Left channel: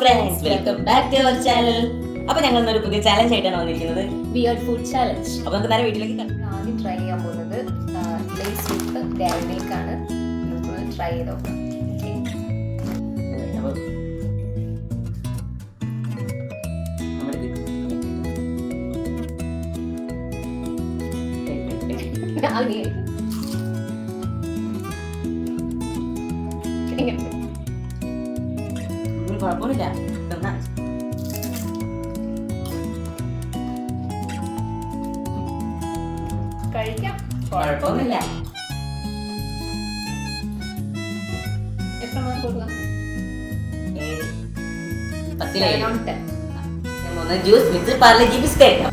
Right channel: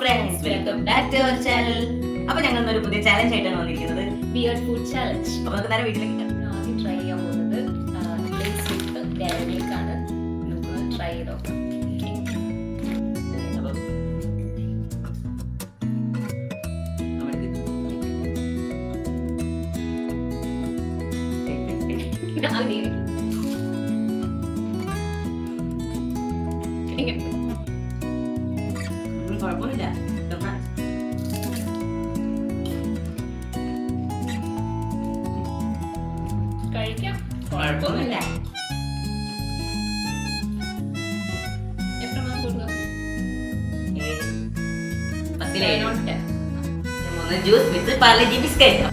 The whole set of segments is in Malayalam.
Friends, welcome back to our channel. അപ്പോൾ ഞങ്ങൾ ഇന്നൊരു പുതിയ ചാലഞ്ച് ആയിട്ടാണ് വന്നിരിക്കുന്നത്, വിയർഡ് ഫുഡ് ചാലഞ്ച്. അപ്പോൾ നമുക്ക് നേരെ വീട്ടിലേക്ക് കിടക്കാം. ആദ്യം ട്രൈ ചെയ്യാൻ പോകുന്നത് ലേസ് വിത്ത് ഡയറി മിൽക്ക് ആണ്. നമുക്ക് ട്രൈ ചെയ്ത് നോക്കാം. അപ്പോൾ കുഴപ്പമൊന്നുമില്ല, കഴിക്കാം, കുഴപ്പമൊന്നുമില്ല. എത്ര മാർക്ക് കൊടുക്കാം? 10 ജ്യൂസ് വിത്ത് പാർലേജി ബിസ്ക്കറ്റ്.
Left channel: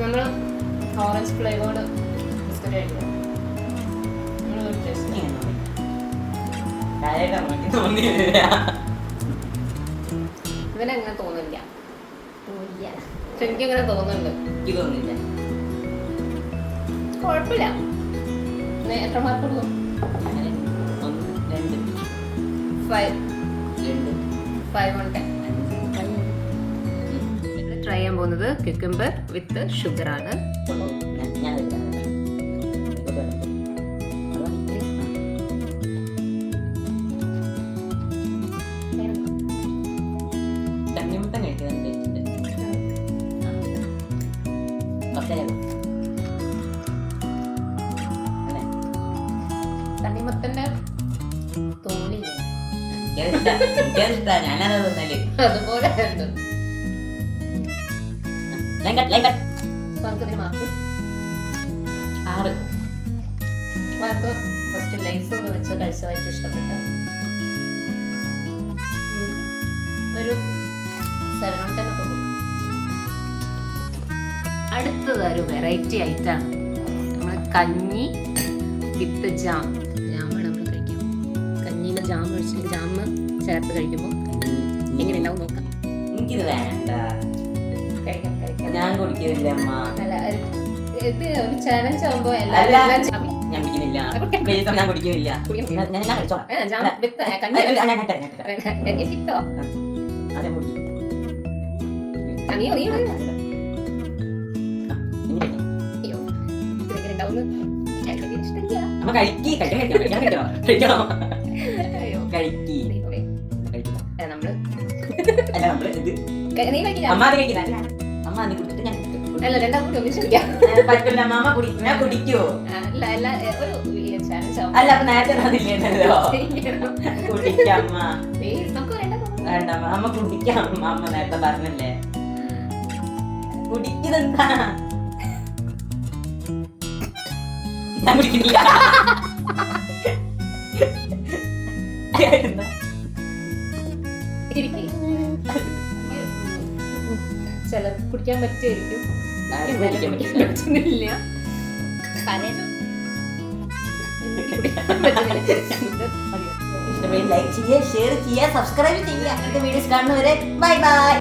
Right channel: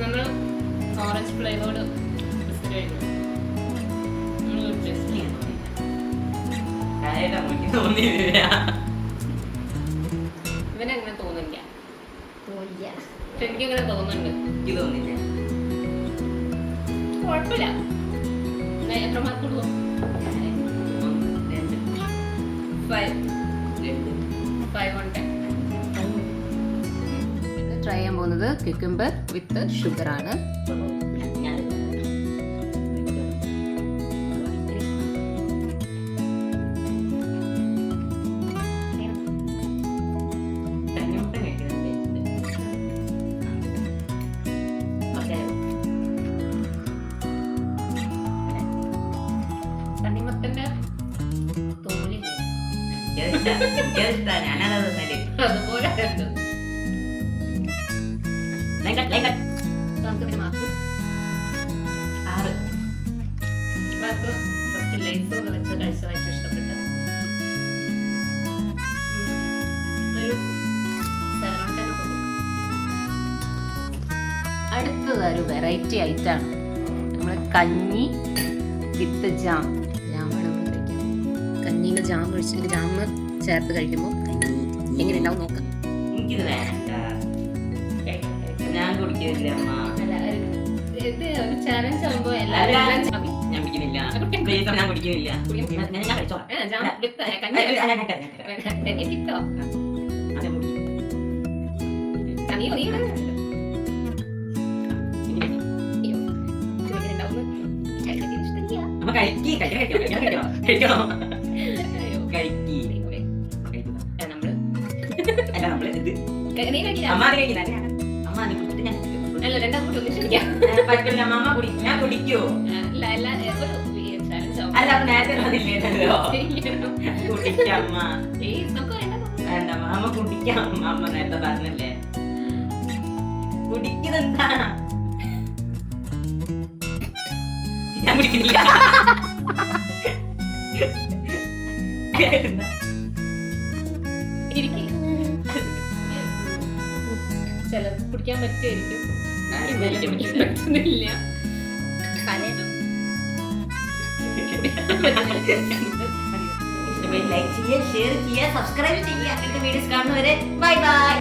നമ്മൾ ഓറഞ്ച് ഫ്ലേവേർഡ് ബിസ്ക്കറ്റ് കഴിക്കും. ഇവനങ്ങനെ തോന്നില്ല, പക്ഷെ എനിക്കങ്ങനെ തോന്നുന്നുണ്ട്. കുഴപ്പമില്ല. എത്ര മാർക്ക് കൊടുക്കും? 5 on 10. ട്രൈ ചെയ്യാൻ പോകുന്നത് ക്യൂക്കംബർ വിത്ത് ഷുഗർ ആണ്. തണ്ണിമത്തന്റെ തോന്നില്ലേ, ഞാനത് തന്നല്ലേ. അതുപോലെ ഉണ്ട്. നമുക്കിതിന് മാർക്ക് 6 മാർക്ക്. ഫസ്റ്റ് ലൈസ് ഒക്കെ വെച്ച് കഴിച്ചതായിട്ട് ഇഷ്ടപ്പെട്ട ഒരു 7 on 10 കൊടുക്കും. അടുത്തത് ഒരു വെറൈറ്റി ഐറ്റാണ്. നമ്മൾ കഞ്ഞി വിത്ത് ജാം. ജാമാണ് നമ്മൾ കഴിക്കാം. കഞ്ഞിയിൽ ജാം ഒഴിച്ചിട്ട് ജാം ചേർത്ത് കഴിക്കുമ്പോൾ എങ്ങനെ ഉണ്ടാവും നോക്കാം. എനിക്കിത് വേണ്ട, കഴിക്കാം കഴിക്കാം. ഞാൻ കുടിക്കുന്നില്ല അമ്മ. അല്ല, ഇത് ഒരു ചാലഞ്ച് ആകുമ്പോൾ എല്ലാവരും ഞാൻ കുടിക്കുന്നില്ല, ഞാൻ കുടിക്കുന്നില്ല. ഞാൻ കഴിച്ചോളാം. ജാം വിത്ത് കഞ്ഞി കിട്ടോ? നീയോ നീ അമ്മ കഴിക്കി കഴിക്കണോ? കഴിക്കി നമ്മള് അല്ല നമ്മള് ഇത് നീ കഴിക്കില്ല. അമ്മ അത് കഴിക്കില്ല. അമ്മ അത് കുടിച്ചിട്ട് ഞാൻ അല്ല, രണ്ടാം കൂടി ഒന്നിച്ച് കുടിക്കാം. പറ്റില്ല അമ്മ കുടിക്കും. ഞാൻ കുടിക്കുവോ? അല്ല അല്ല, ഒരു ചാലഞ്ച് ആവും. അല്ല, അപ്പൊ നേരത്തെ വന്നില്ലേണ്ടല്ലോ. കുടിക്കാം അമ്മ. വേണ്ട അമ്മ, അമ്മ കുടിക്കാം അമ്മ. അമ്മ നേരത്തെ പറഞ്ഞില്ലേ കുടിക്കുന്നെന്താ? ഞാൻ കുടിക്കുന്നില്ല. ചില കുടിക്കാൻ പറ്റുമായിരിക്കും, പറ്റുന്നില്ല. ലൈക്ക് ചെയ്യുക, ഷെയർ ചെയ്യുക, സബ്സ്ക്രൈബ് ചെയ്യുക. അങ്ങനത്തെ വീഡിയോസ് കാണുന്നവരെ ബൈ ബൈ.